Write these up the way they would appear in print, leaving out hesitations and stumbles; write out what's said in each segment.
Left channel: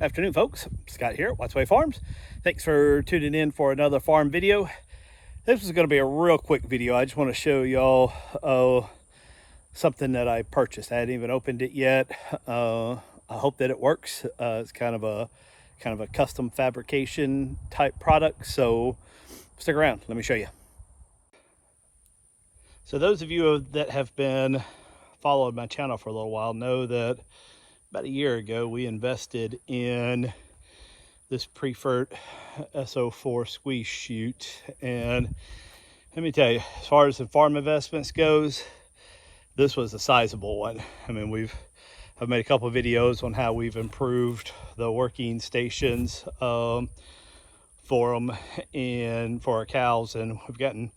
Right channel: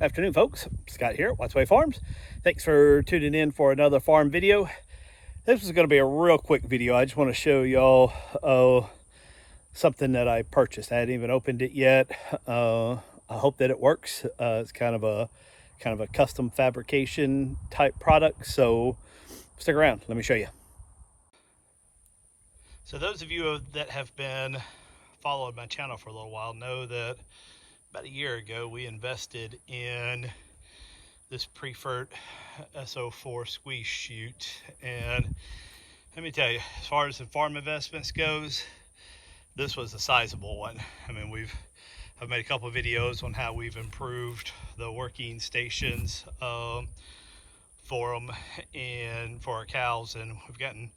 Afternoon, folks. Scott here at Watts Way Farms. Thanks for tuning in for another farm video. This is going to be a real quick video. I just want to show y'all something that I purchased. I hadn't even opened it yet. I hope that it works. It's kind of a custom fabrication type product, so stick around. Let me show you. So those of you that have been following my channel for a little while know that about a year ago we invested in this Priefert S04 squeeze chute, and let me tell you, as far as the farm investments goes, this was a sizable one. I mean, I've made a couple of videos on how we've improved the working stations for them and for our cows, and we've gotten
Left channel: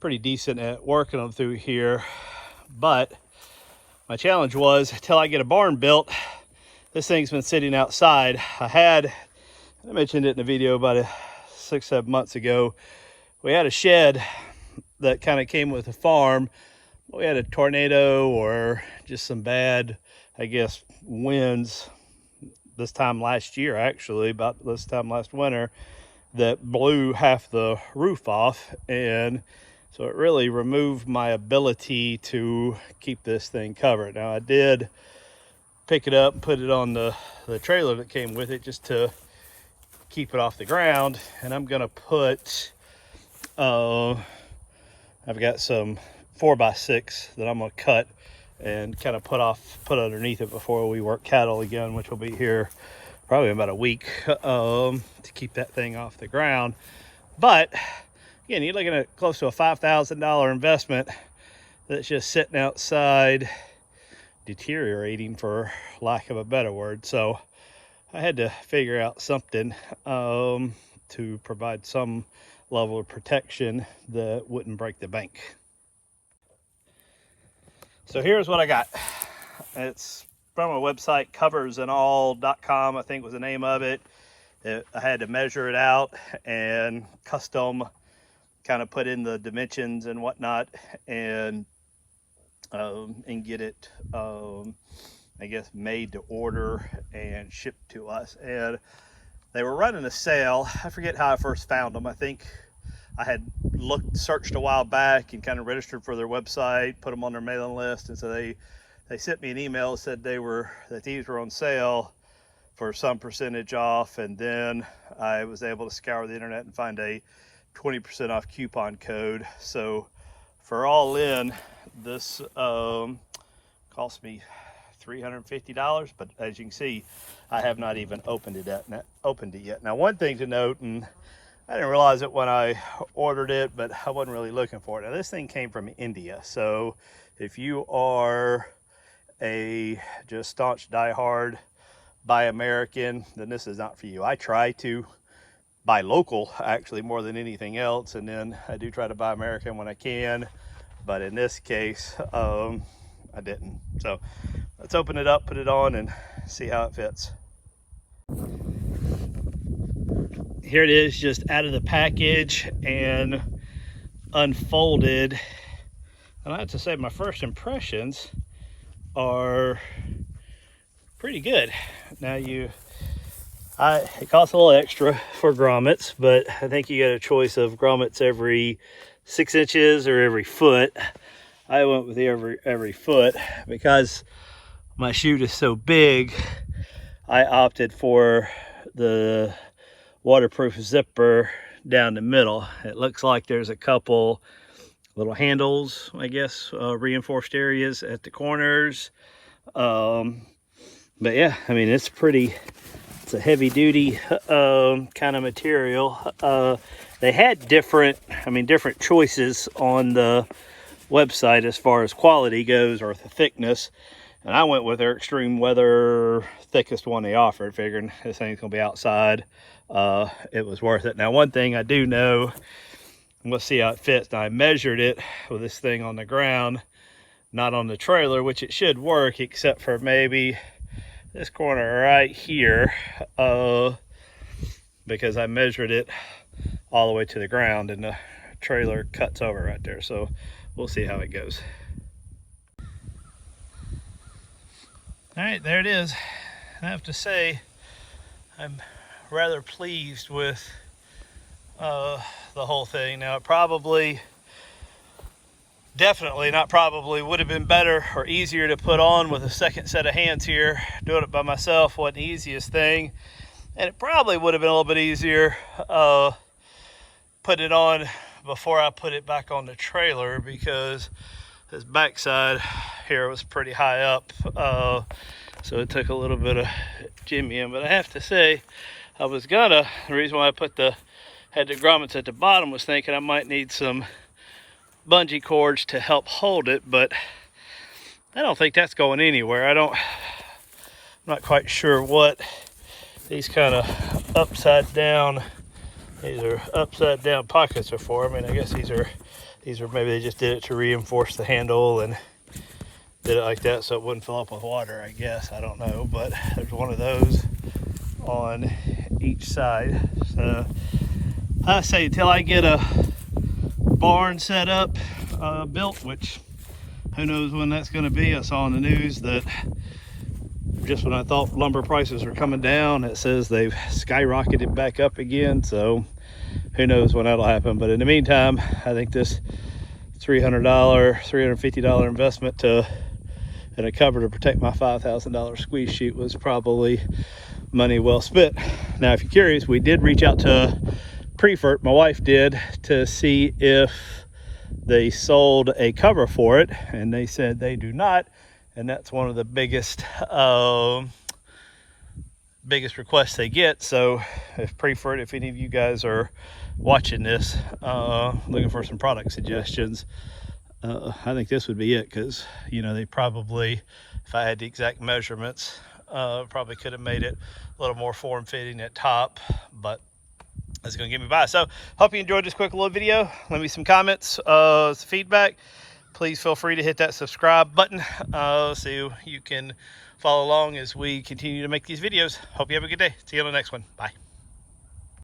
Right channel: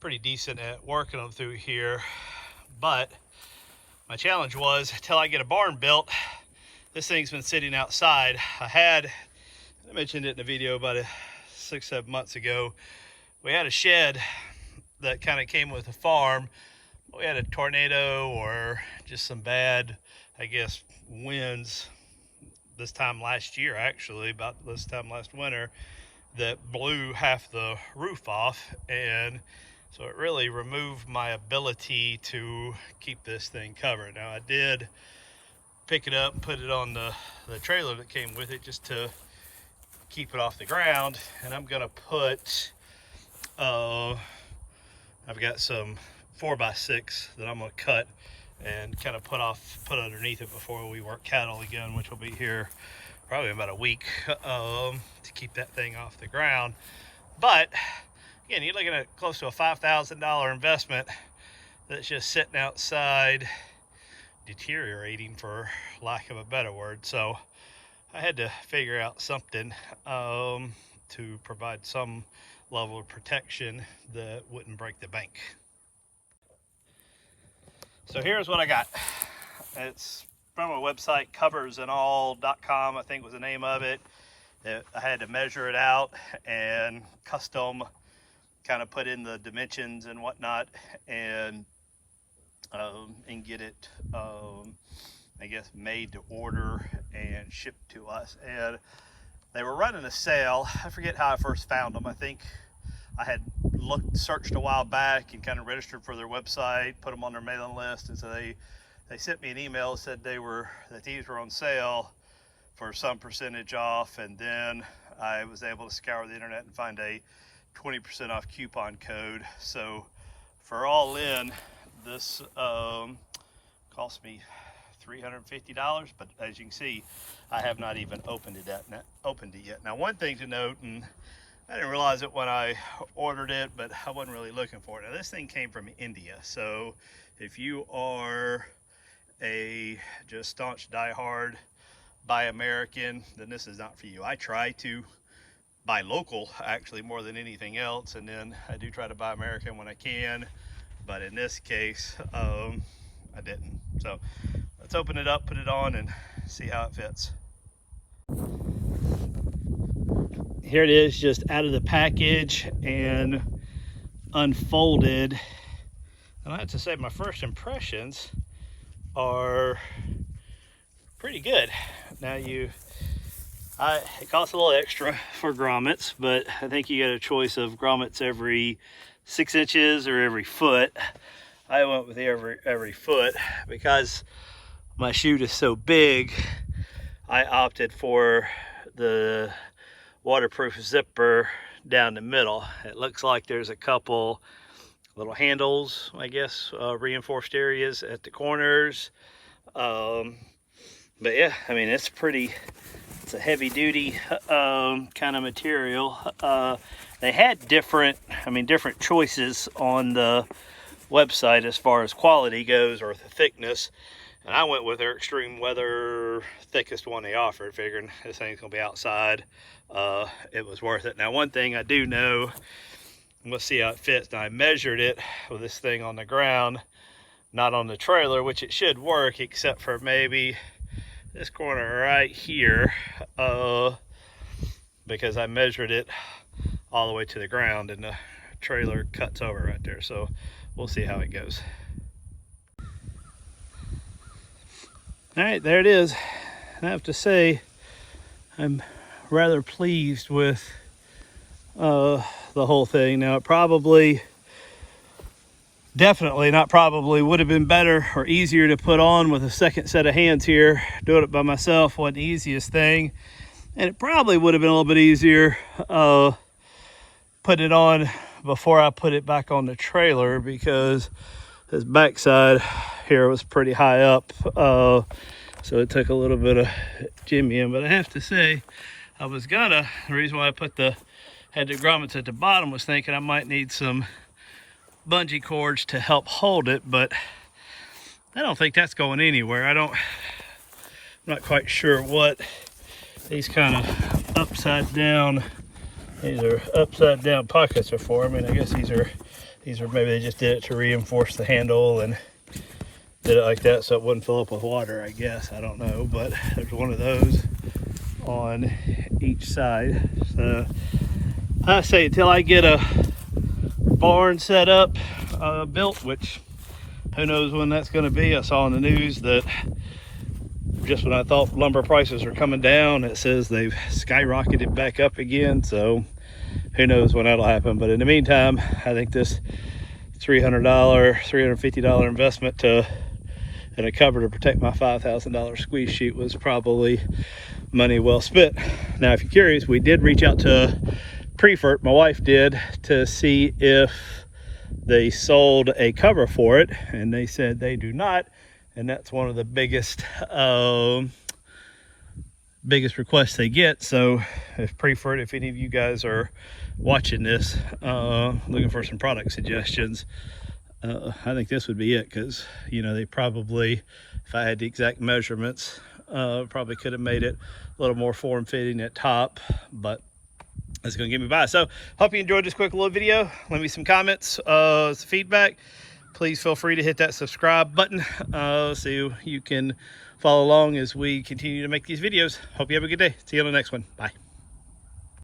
pretty decent at working them through here. But my challenge was, till I get a barn built, this thing's been sitting outside. I mentioned it in a video about 6-7 months ago. We had a shed that kind of came with the farm. We had a tornado or just some bad, I guess, winds this time last year, actually, about this time last winter, that blew half the roof off, and so it really removed my ability to keep this thing covered. Now, I did pick it up and put it on the trailer that came with it just to keep it off the ground, and I'm gonna put I've got some 4x6 that I'm gonna cut and kind of put underneath it before we work cattle again, which will be here probably in about a week, to keep that thing off the ground. But again, you're looking at close to a $5,000 investment that's just sitting outside deteriorating, for lack of a better word. So I had to figure out something to provide some level of protection that wouldn't break the bank. So here's what I got. It's from a website, coversandall.com, I think was the name of it. I had to measure it out and custom kind of put in the dimensions and whatnot, and get it I guess made to order and shipped to us. And they were running a sale. I forget how I first found them. I think I had searched a while back and kind of registered for their website, put them on their mailing list, and so they sent me an email that said that these were on sale for some percentage off. And then I was able to scour the internet and find a 20% off coupon code. So for all in, this cost me $350, but as you can see, I have not even opened it yet. Now, one thing to note, and I didn't realize it when I ordered it, but I wasn't really looking for it. Now, this thing came from India, so if you are a just staunch diehard buy American, then this is not for you. I try to buy local, actually, more than anything else, and then I do try to buy American when I can, but in this case I didn't. So let's open it up, put it on, and see how it fits. Here it is, just out of the package and unfolded, and I have to say my first impressions are pretty good. Now, it costs a little extra for grommets, but I think you get a choice of grommets every 6 inches or every foot. I went with every foot because my chute is so big. I opted for the waterproof zipper down the middle. It looks like there's a couple little handles, I guess, reinforced areas at the corners. But yeah, I mean, it's a heavy duty kind of material. They had different choices on the website as far as quality goes, or the thickness, and I went with their extreme weather thickest one they offered, figuring this thing's gonna be outside. It was worth it. Now, one thing I do know, let's see how it fits. Now, I measured it with this thing on the ground, not on the trailer, which it should work, except for maybe this corner right here, because I measured it all the way to the ground and the trailer cuts over right there. So we'll see how it goes. All right, there it is. I have to say, I'm rather pleased with the whole thing. Now, it probably, definitely not probably, would have been better or easier to put on with a second set of hands here. Doing it by myself wasn't the easiest thing. And it probably would have been a little bit easier putting it on before I put it back on the trailer, because this backside here was pretty high up. So it took a little bit of jimmying. But I have to say, the reason why I had the grommets at the bottom was thinking I might need some bungee cords to help hold it, but I don't think that's going anywhere. I'm not quite sure what these kind of upside down pockets are for. I mean, I guess these are maybe they just did it to reinforce the handle and did it like that so it wouldn't fill up with water, I guess. I don't know, but there's one of those on each side. So I say until I get a barn set up, built, which who knows when that's going to be. I saw in the news that just when I thought lumber prices were coming down, it says they've skyrocketed back up again. So who knows when that'll happen. But in the meantime, I think this $350 investment and a cover to protect my $5,000 squeeze chute was probably money well spent. Now, if you're curious, we did reach out to Priefert, my wife did, to see if they sold a cover for it, and they said they do not. And that's one of the biggest requests they get. So if Priefert, if any of you guys are watching this, looking for some product suggestions, I think this would be it, because you know, they probably, if I had the exact measurements, probably could have made it a little more form-fitting at top, but that's gonna get me by. So hope you enjoyed this quick little video. Leave me some comments, some feedback. Please feel free to hit that subscribe button so you can follow along as we continue to make these videos. Hope you have a good day. See you on the next one. Bye.